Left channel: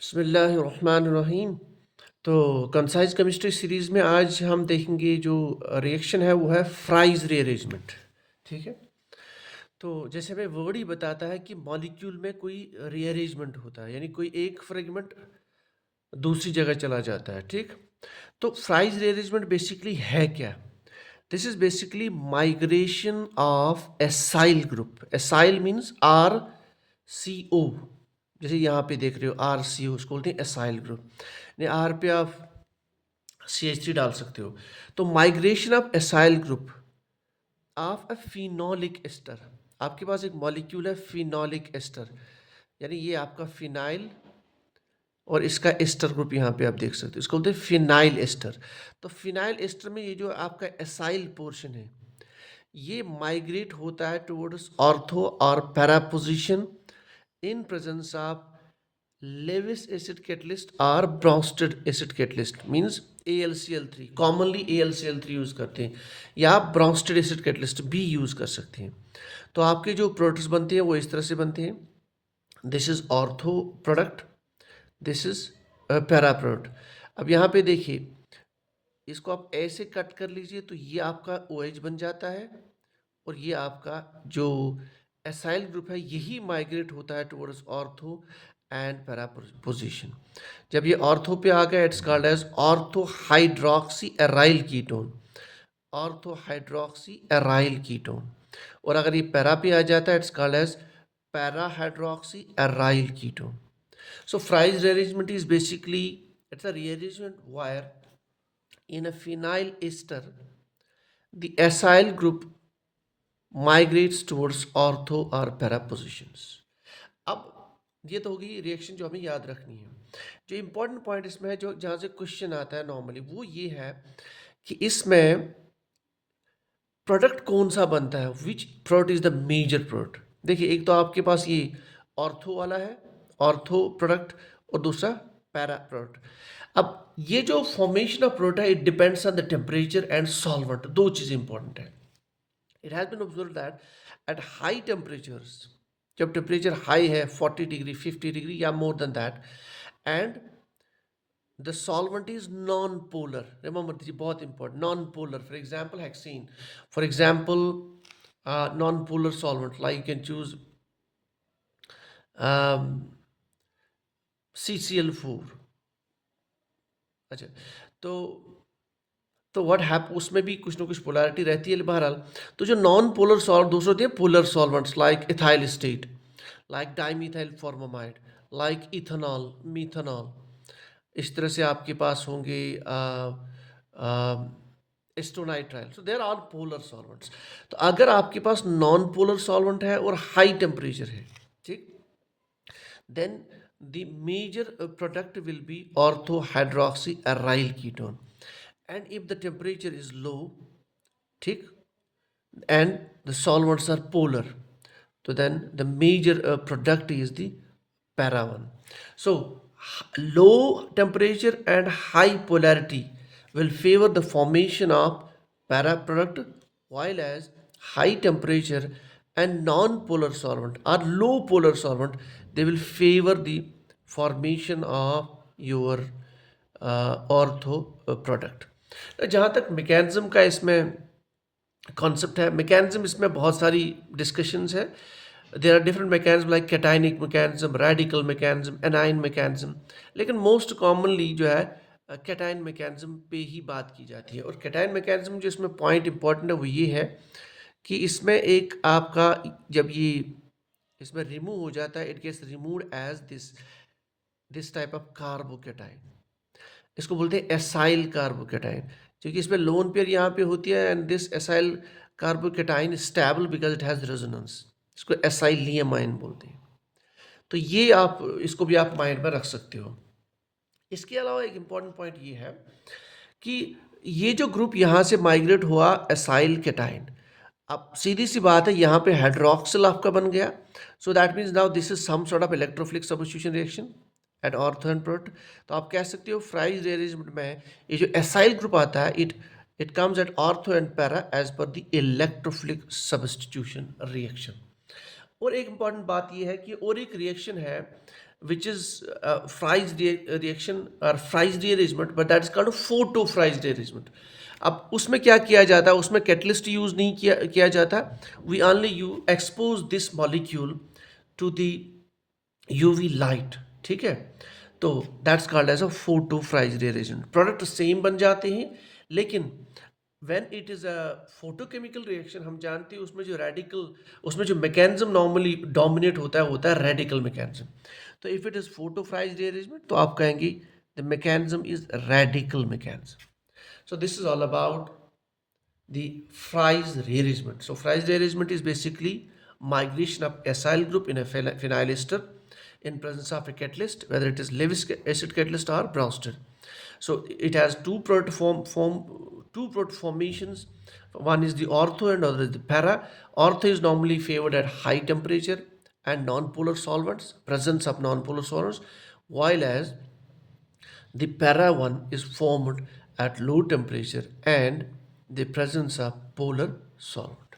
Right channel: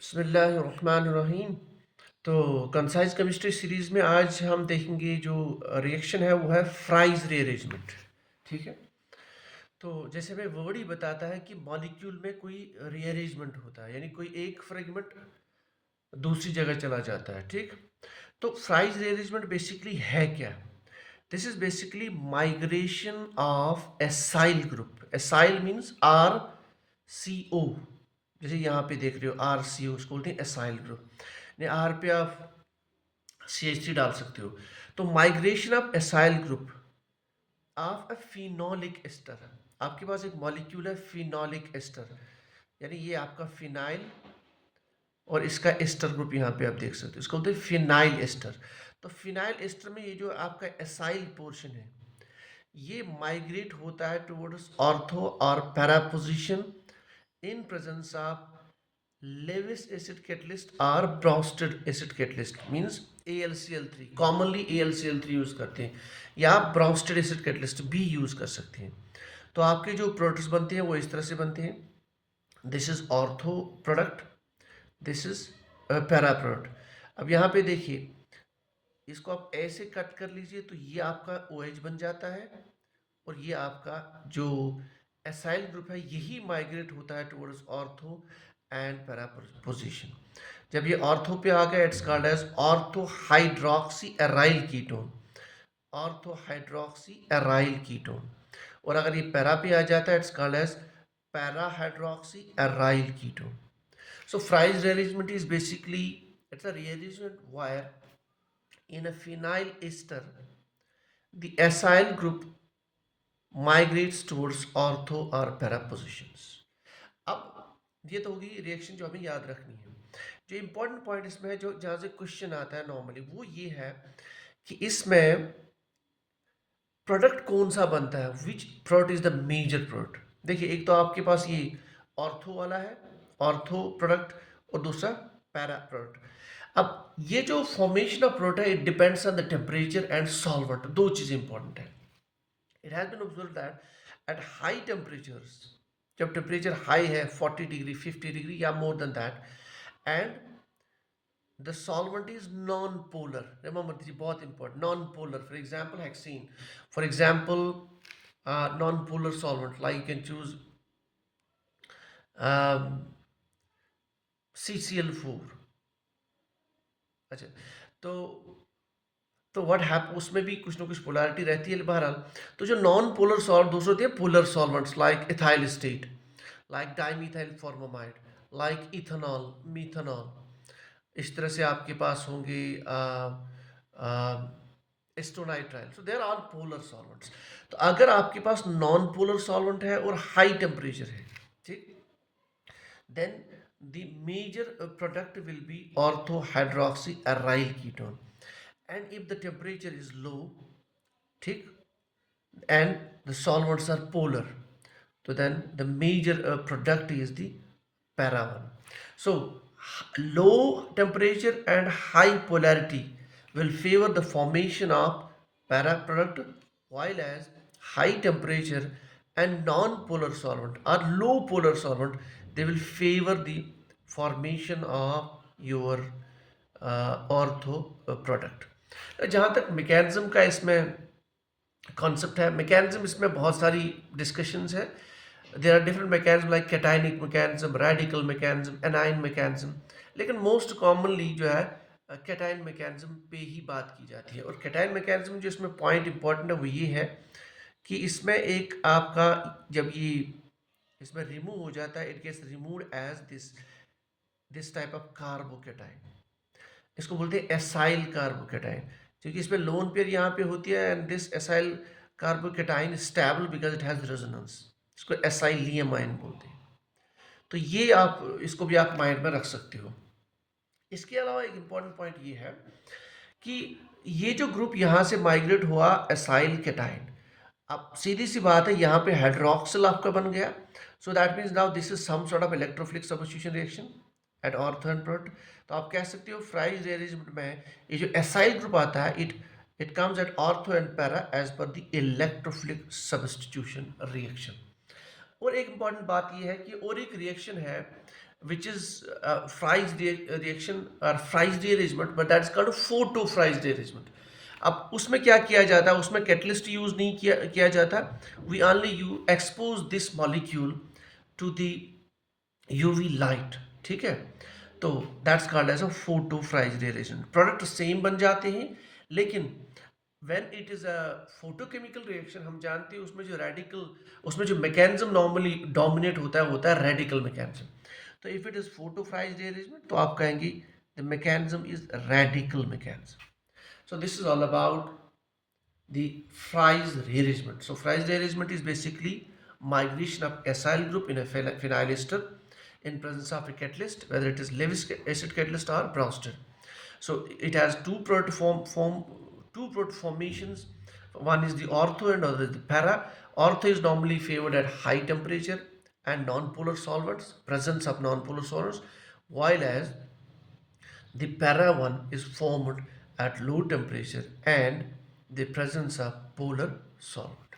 बिस्मिल्लाहिर्रहमानिर्रहीम। तो concise chemistry series में आज हम देखेंगे जो रिएक्शन है वो है फ्राइज रीअरेंजमेंट। ठीक है। तो जैसे हमें वर्ड ही बताता है कि मॉलिक्यूल में कोई रीअरेंजमेंट होता है, यानी कोई एक फ्रेगमेंट दूसरी जगह चला जाता है। ठीक। तो फ्राइज रीअरेंजमेंट बेसिकली है क्या? This is basically migration of acyl group. Acyl means R C O. जैसे यहाँ पे देख रहे हो आर सी ओ, उसको बोलते हैं एसाइल ग्रुप। आर पे आप सी एच थ्री डाल सकते हो। तो migration of acyl group of a phenolic ester. आपके पास एक मॉलिक्यूल है फिनोलिक एस्टर, यानी ये आपका फिनाइल और इसका एस्टर ग्रुप यहाँ पे आप देख सकते हो, इसको बोलते हैं फिनाइल एस्टर। तो फिनाइल एस्टर में ये जो आपका एसाइल पोर्शन है ये माइग्रेट होता है टुवर्ड्स ऑर्थो और para position in presence of Lewis acid catalyst or Bronsted acid catalyst means AlCl3। commonly AlCl3 use करते हैं या आप Bronsted acid catalyst भी यूज कर सकते हैं। तो आपके जो प्रोडक्ट्स बनते हैं वो इस तरह से बनते हैं। This is ortho product, this is para product. अब यहाँ पे देखिए, इसको आप ऐसे कट कर लीजिए तो ये आपका OH बन जाता है और ये आपका जो एसाइल ग्रुप है यही माइग्रेट होता है towards ortho and para position. जब ये ऑर्थो पे आ गया it's called as ortho hydroxy aryl ketone. Ortho hydroxy aryl ketone. और अगर ये पैरा पे आ जाता है it's called as para hydroxy aryl ketone. So Fries rearrangement is basically it's a rearrangement where in a phenyl ester the acyl group migrates towards ortho or para positions। अब ये तो होगी रिएक्शन जो हमें याद रखनी है। जो इंपॉर्टेंट पॉइंट इसमें है, जो जहाँ से क्वेश्चन आता है नॉर्मली, वो ये है कि इसमें प्रोडक्ट कौन सा बनता है, which product is the major product. देखिए, एक तो आपके पास ये ऑर्थो वाला है, ऑर्थो प्रोडक्ट, और दूसरा पैरा प्रोडक्ट। अब ये जो फॉर्मेशन ऑफ प्रोडक्ट है it depends on the temperature and solvent. दो चीज़ इंपॉर्टेंट है। It has been observe that at high temperatures, जब टेम्परेचर हाई है 40 डिग्री 50 डिग्री या more than that, and the solvent is non-polar, remember this is बहुत important, non-polar, for example hexene, for example non-polar solvent like you can choose um, CCl4। अच्छा, तो what हैप उसमें भी कुछ ना कुछ पोलैरिटी रहती है बहरहाल। तो जो नॉन पोलर सॉल्व दूसरे होते हैं polar solvents like ethyl state, like dimethyl formamide, like ethanol, methanol. इस तरह से आपके पास होंगे acetonitrile. So there are polar solvents. तो अगर आपके पास नॉन पोलर सॉल्वेंट है और हाई टेम्परेचर है, ठीक, then the major product will be ortho hydroxy aryl ketone। and if the temperature is low, ठीक, and the solvents are polar, so then the major product is the para one। So low temperature and high polarity will favor the formation of para product, while as high temperature and non-polar solvent or low polar solvent they will favor the formation of your ortho product. जहाँ तक mechanism का इसमें concept है, mechanism इसमें बहुत सारी discussions है। There are different mechanism like cationic mechanism, radical mechanism, anion mechanism, लेकिन मोस्ट कॉमनली जो है कैटाइन मैकेनिज्म पे ही बात की जाती है। और कैटाइन मैकेनिज्म जो इसमें पॉइंट इंपॉर्टेंट है वो ये है कि इसमें एक आपका जब ये इसमें रिमूव हो जाता है it gets removed as this type of carbocation. इसको बोलते हैं एसाइल कार्बोकेटाइन, क्योंकि इसमें लोन पेयर यहाँ पे होती है and this acyl carbocation stable because it has resonance. इसको एसाइलियमाइन बोलते हैं। तो ये आप इसको भी आप माइंड में रख सकते हो। इसके अलावा एक इंपॉर्टेंट पॉइंट ये है कि ये जो ग्रुप यहाँ से माइग्रेट हुआ एसाइल केटाइन, अब सीधी सी बात है यहाँ पे हाइड्रोक्सिल आपका बन गया। So that means now this is some sort of electrophilic substitution reaction at ortho and product. तो आप कह सकते हो फ्राइज रीअरेंजमेंट में ये जो एसाइल ग्रुप आता है it comes at ortho and para as per the electrophilic substitution reaction. और एक इंपॉर्टेंट बात यह है कि और एक रिएक्शन है which is reaction or Fries rearrangement, but that's called a photo Fries rearrangement. अब उसमें क्या किया जाता है, उसमें कैटलिस्ट यूज नहीं किया जाता. We only you expose this molecule to the UV light. ठीक है, तो that's called as a photo Fries rearrangement. Product same बन जाते हैं, लेकिन when it is a photochemical reaction, हम जानते हैं उसमें जो रेडिकल, उसमें जो मैकेनिज्म नॉर्मली डोमिनेट होता है रेडिकल मैकेनिज्म. तो if it is photo Fries rearrangement तो आप कहेंगे the mechanism is radical mechanism. So this is all about the Fries rearrangement. So Fries rearrangement is basically migration of acyl group in a phenyl ester in presence of a catalyst, whether it is Lewis acid catalyst or Brewster. So it has two proto formations. One is the ortho and other is the para. Ortho is normally favored at high temperature and non-polar solvents, presence of non-polar solvents, while as the para one is formed at low temperature and the presence of polar solvent.